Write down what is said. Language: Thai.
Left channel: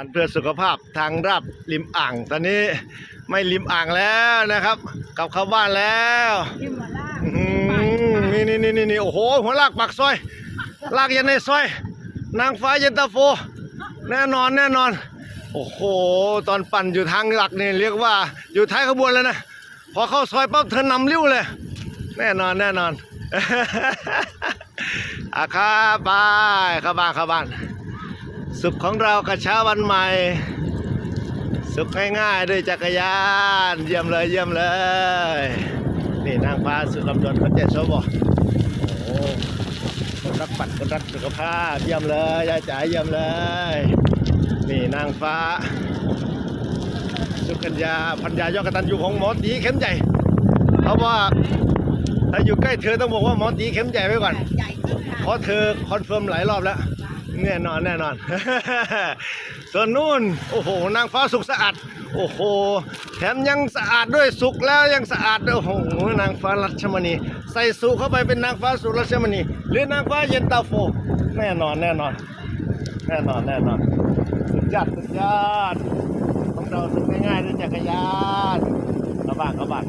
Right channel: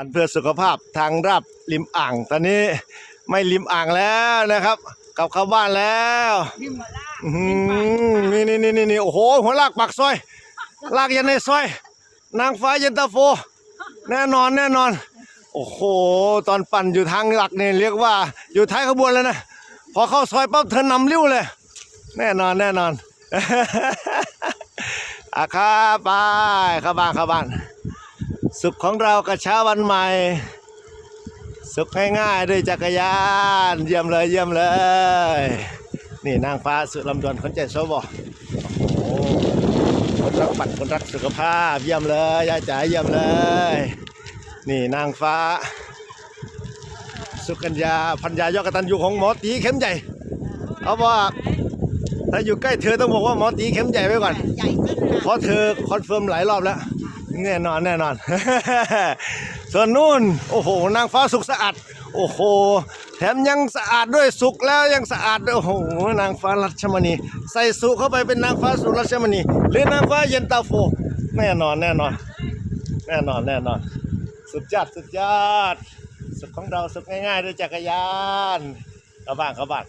อันเพื่อสุขภาพทางราบริมอ่าง ตอนนี้ไม่ริมอ่างแล้วนะครับกลับเข้าบ้านแล้วที่มาล่าอื้อหือนี่นี่นี่นี่โอ้โหหัวลากปากซอย ลากยันในซอย นางฟ้าเย็นตาโฟ แน่นอนแน่นอน โอ้โห ตอนปั่นอยู่ทางหลักนี่เรียกว่าอยู่ท้ายขบวนแล้วนะ พอเข้าซอยปั๊บเธอนำริ้วเลย แน่นอนแน่นอนอาคาไปเข้าบ้านเข้าบ้าน สุขของเรากระเช้าวันใหม่ สุขง่ายๆด้วยจักรยาน เยี่ยมเลยเยี่ยมเลย นี่นางฟ้าสุดลำดวนคนใจโซบอโอ้คนรักปัดคนรักสุขภาพ เยี่ยมเลยยายจ๋าเยี่ยมเลย นี่นางฟ้า สุกัญญาพัญญายอดกตันยูของหมอตีเข้มใหญ่เขาบอกว่าถ้าอยู่ใกล้เธอต้องบอกว่าหมอตีเข้มใหญ่ไว้ก่อนใหญ่ขึ้นค่ะเพราะเธอคอนเฟิร์มหลายรอบแล้ว แน่นอนแน่นอน ส่วนนู่น โอ้โห นางฟ้าสุขสะอาด โอ้โห แถมยังสะอาดด้วยสุกแล้วยังสะอาดด้วยโอ้โห นางฟ้ารัชมณี ใส่สุเข้าไปเป็นนางฟ้าสุรัชมณี หรือนางฟ้าเย็นตาโฟ แน่นอนแน่นอน แน่นอนแน่นอน สุดยอดสุดยอดสุดของเราสุดง่ายๆด้วยจักรยานเข้าบ้านเข้าบ้าน